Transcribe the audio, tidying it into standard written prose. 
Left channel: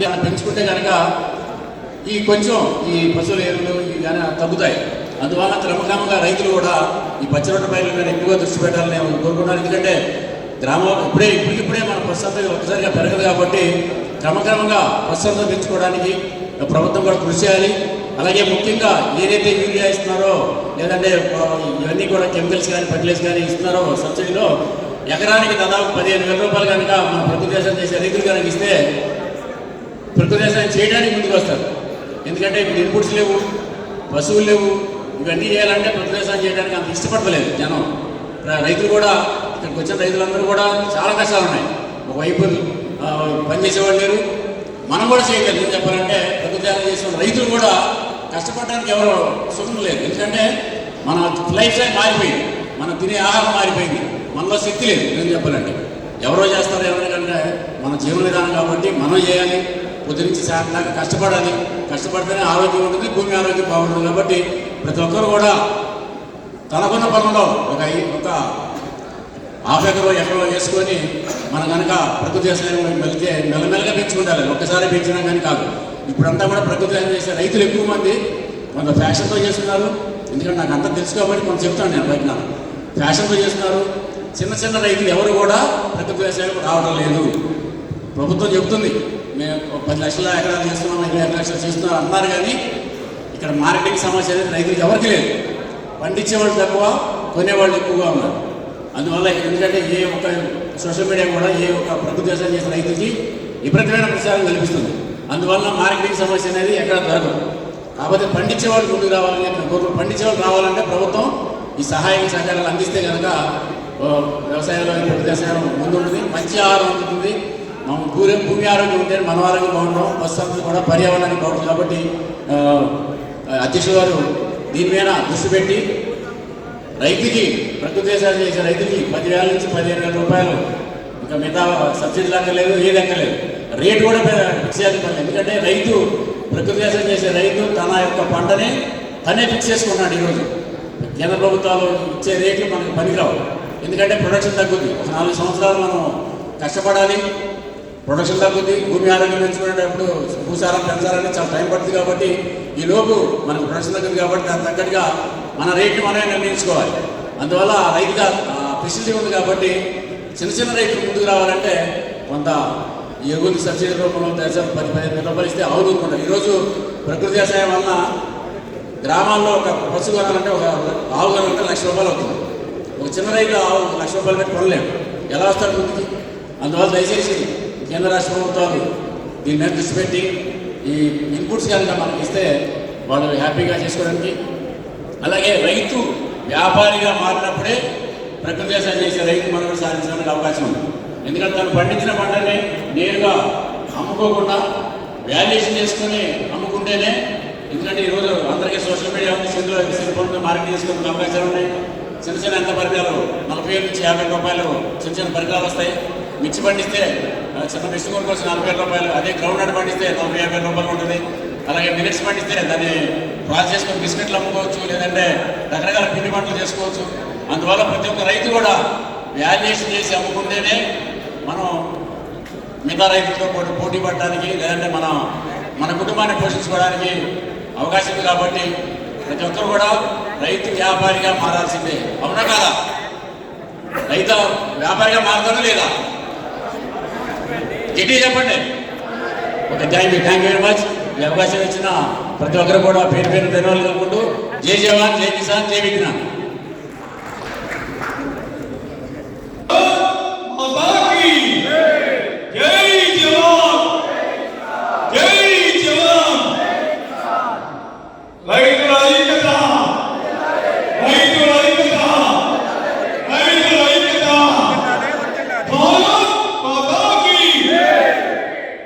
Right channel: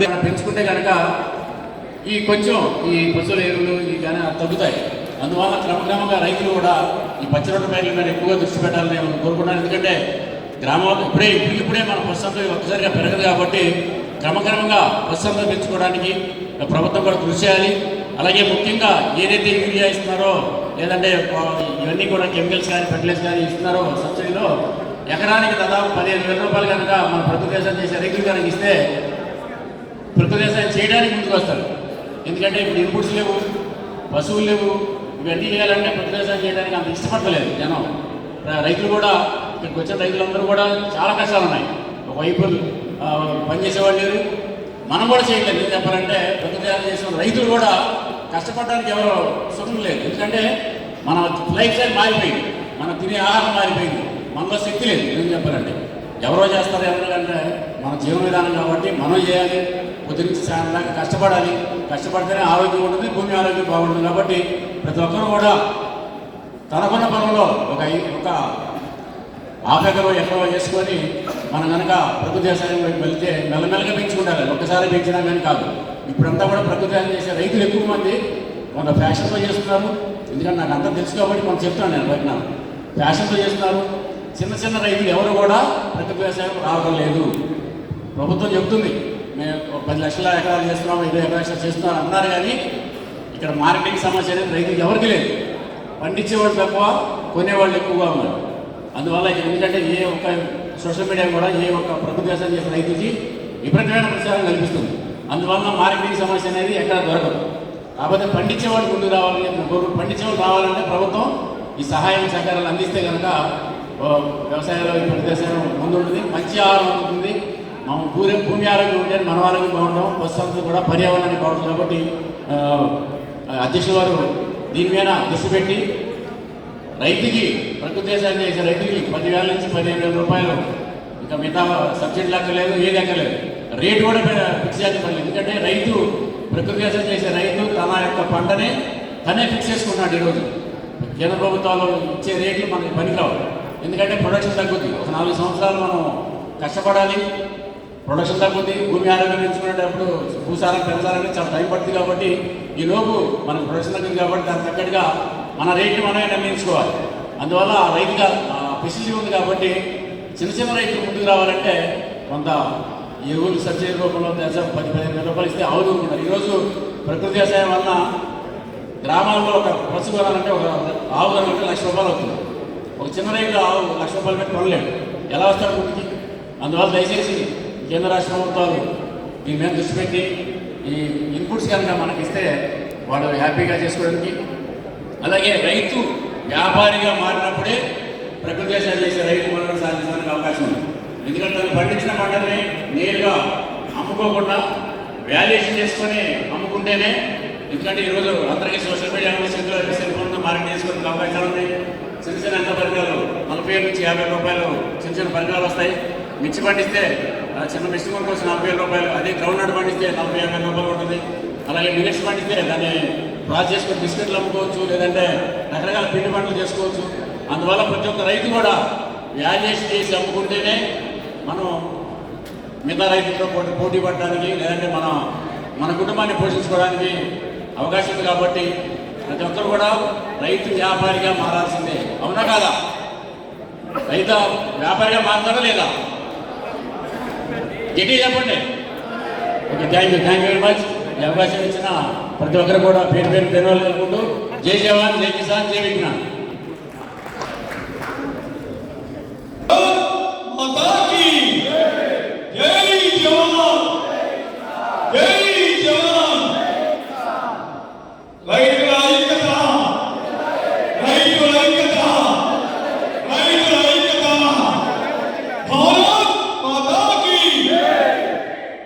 పెంచుకుంటే కనుక ఈ కొంచెం ఈ పశువుల ఎరువులు ఇవి కానీ తగ్గుతాయి. అందువల్ల క్రమక్రమంగా రైతులు కూడా ఈ పచ్చి రొట్టె పైర్ల మీద ఎక్కువగా దృష్టి పెట్టాలని నేను కోరుకున్నాను. ఎందుకంటే గ్రామంలో ఇప్పుడే మన పశుసంపద ఒక్కసారిగా పెరగదు కాబట్టి క్రమక్రమంగా పశుసంపద పెంచుకోవడానికి ప్రభుత్వం కూడా కృషి చేయాలి. అలాగే ముఖ్యంగా ఏదైతే యూరియా ఇస్తున్నారో లేదంటే ఇవన్నీ కూడా కెమికల్స్ కానీ ఫెర్టిలైజర్స్ కానీ ఇస్తున్నారో సబ్సిడీలో ఎకరానికి దాదాపు 15,000 రూపాయలు కనుక మన ప్రభుత్వ దేశాలు చేసే రైతులు కనుక ఇస్తే ప్రకృతి వ్యవసాయం చేయడానికి ముందుకు వస్తారు. ఎందుకంటే ఇప్పుడు ఇన్పుట్స్ లేవు, పశువులు లేవు, ఇవన్నీ చేయాలంటే ప్రకృతి వ్యవసాయం చేయడానికి అంత ఇష్టపడతలేదు జనం. రైతులు కూడా ఇక్కడికి వచ్చిన రైతులందరూ కూడా చాలా కష్టాలు ఉన్నాయి. ఒకవైపు పనిచేసేవాళ్ళు లేరు, మనం కూడా చేయలేదు. ఏం చెప్పాలంటే ప్రకృతి వ్యవసాయం చేసిన రైతులు కూడా కష్టపడడానికి ఎవరు సుఖం లేదు. ఎందుకంటే మన లైఫ్ స్టైల్ మారిపోయింది, మనం తినే ఆహారం మారిపోయింది, మనలో శక్తి లేదు. ఏం చెప్పాలంటే ఎవరో చేస్తారు ఎవరికంటే మన జీవన విధానం కాబట్టి మనం చేయాలి. పొద్దునుంచి సాయంత్రం కష్టపడాలి, కష్టపడితేనే ఆరోగ్యం ఉంటుంది, భూమి ఆరోగ్యం బాగుంటుంది. కాబట్టి ప్రతి ఒక్కరు కూడా తనకున్న పొలంలో ఒక హాఫ్ ఎకరో వేసుకొని మనం కనుక ప్రకృతి వ్యవసాయం వెళ్తే మెల్లమెల్లగా పెంచుకుంటారు. ఒక్కసారి పెంచినా కానీ కాదు. ఇప్పుడంతా కూడా ప్రకృతి వ్యవసాయం చేసే రైతులు ఎక్కువ మంది కొంత ఫ్యాషన్తో చేస్తున్నారు. ఎందుకంటే నాకు అంతా తెలుసు కాబట్టి కొంత చెప్తాను నేను బయట. ఫ్యాషన్తో చేస్తున్నారు. చిన్న చిన్న రైతులు ఎవరు కూడా ప్రకృతి వ్యవసాయం రావడం లేదు. ప్రభుత్వం చెప్తుంది మేము 10 లక్షల ఎకరాలు చేస్తున్నాం, 20 లక్షలు చేస్తున్నాం అన్నారు. కానీ ఇక్కడ మార్కెటింగ్ సమస్య అనేది రైతులకు ఎవరికి లేదు. పండించేవాళ్ళు తక్కువ, కొనేవాళ్ళు ఎక్కువగా ఉన్నారు. అందువల్ల ఎందుకంటే ఏ ఒక్క సోషల్ మీడియా కూడా ఏ ఒక్క ప్రకృతి వ్యవసాయం చేసిన రైతుకి విపరీతమైన ప్రచారం కల్పిస్తుంది. అందువల్ల మార్కెటింగ్ సమస్య అనేది ఎక్కడ దొరకదు. కాకపోతే పండించేవాళ్ళు ముందుకు రావాలని పండించేవాళ్ళు రావాలంటే ప్రభుత్వం ఈ సహాయ సహకారాలు అందిస్తే కనుక వ్యవసాయంలో ప్రకృతి వ్యవసాయం ముందుంటుంది, మంచి ఆహారం అందుతుంది. మనం భూమి ఆరోగ్యం ఉంటే మన ఆరోగ్యం బాగుంటాం, పశుసంపద కూడా పర్యావరణానికి బాగుంటుంది. కాబట్టి అధ్యక్షుల వారు దీని మీద దృష్టి పెట్టి రైతుకి ప్రకృతి వ్యవసాయం చేసే రైతుకి 10,000 నుంచి 15,000 రూపాయలు ఇంకా మిగతా సబ్సిడీ లెక్కలేదు, ఏది ఎక్కలేదు. రేటు కూడా ఫిక్స్ చేయాలి. ఎందుకంటే రైతు ప్రకృతి వ్యవసాయం చేసే రైతు తన యొక్క పంటనే తనే ఫిక్స్ చేసుకున్నాడు. ఈరోజు కేంద్ర ప్రభుత్వాలు ఇచ్చే రేట్లు మనకు పనికిరావు. ఎందుకంటే ప్రొడక్షన్ తగ్గుద్ది. ఒక 4 సంవత్సరాలు మనం కష్టపడాలి, ప్రొడక్షన్ తగ్గుద్ది. భూమి ఆరోగ్యం పెంచుకునేటప్పుడు భూసారం పెంచాలంటే చాలా టైం పడుతుంది. కాబట్టి ఈలోపు మనకు ప్రొడక్షన్ తగ్గుతుంది. కాబట్టి దానికి తగ్గట్టుగా మన రేట్లు మనమే నిర్ణయించుకోవాలి. అందువల్ల రైతుగా ఫెసిలిటీ ఉంది. కాబట్టి చిన్న చిన్న రైతులు ముందుకు రావాలంటే కొంత ఎరువులు సబ్సిడీ రూపంలో 10,000 రూపాయలు ఇస్తే అవుతుంటుంది. ఈరోజు ప్రకృతి వ్యవసాయం వలన గ్రామాల్లో ఒక పశు కొనాలంటే ఒక ఆవు కొనాలంటే 1,00,000 రూపాయలు అవుతుంది. ఒక చిన్న రైతు ఆవు 1,00,000 రూపాయలు పెట్టి కొనలేడు, ఎలా వస్తాడు ముందుకి? అందువల్ల దయచేసి కేంద్ర రాష్ట్ర ప్రభుత్వాలు దీని మీద దృష్టి పెట్టి ఈ ఇన్పుట్స్ కనుక మనకి ఇస్తే వాళ్ళు హ్యాపీగా చేసుకోవడానికి, అలాగే రైతు వ్యాపారిగా మారినప్పుడే ప్రకృతి వ్యవసాయం చేసే రైతు మనం సాధించడానికి అవకాశం ఉంది. ఎందుకంటే తను పండించిన పంటల్ని నేరుగా అమ్ముకోకుండా వాల్యుయేషన్ చేసుకొని అమ్ముకుంటేనే. ఎందుకంటే ఈరోజు అందరికీ సోషల్ మీడియా సెల్ ఫోన్తో మార్కెట్ చేసుకోవడానికి అవకాశాలు ఉన్నాయి. చిన్న చిన్న అంత పరికరాలు 40,000 నుంచి 50,000 రూపాయలు చిన్న చిన్న పరికరాలు వస్తాయి. మిర్చి పండిస్తే చిన్న మిర్చి కొనుక్కు వచ్చి 40,000 రూపాయలు, అదే గ్రౌండ్ నట్ పండిస్తే 40,000-50,000 రూపాయలు ఉంటుంది. అలాగే మిల్లెట్స్ పండిస్తే దాన్ని ప్రాసెస్ చేసుకొని బిస్కెట్లు అమ్ముకోవచ్చు, లేదంటే రకరకాల పిండి పంటలు చేసుకోవచ్చు. అందువల్ల ప్రతి ఒక్క రైతు కూడా వాల్యుయేషన్ చేసి అమ్ముకుంటేనే మనం మిగతా రైతులతో పోటీ పడడానికి, లేదంటే మన కుటుంబాన్ని పోషించుకోవడానికి అవకాశం ఉంది. కాబట్టి ప్రతి ఒక్కరు కూడా రైతు వ్యాపారిగా మారాల్సిందే. అవునా కాదా? రైతు వ్యాపారిగా మారుతాడా లేదా? గట్టిగా చెప్పండి. Okay, thank you very much. ఈ అవకాశం ఇచ్చిన ప్రతి ఒక్కరు కూడా పేరు పేరు ధన్యవాదాలు తెలుపుకుంటూ జై జవాన్, జై కిసాన్, జై విజ్ఞాన్.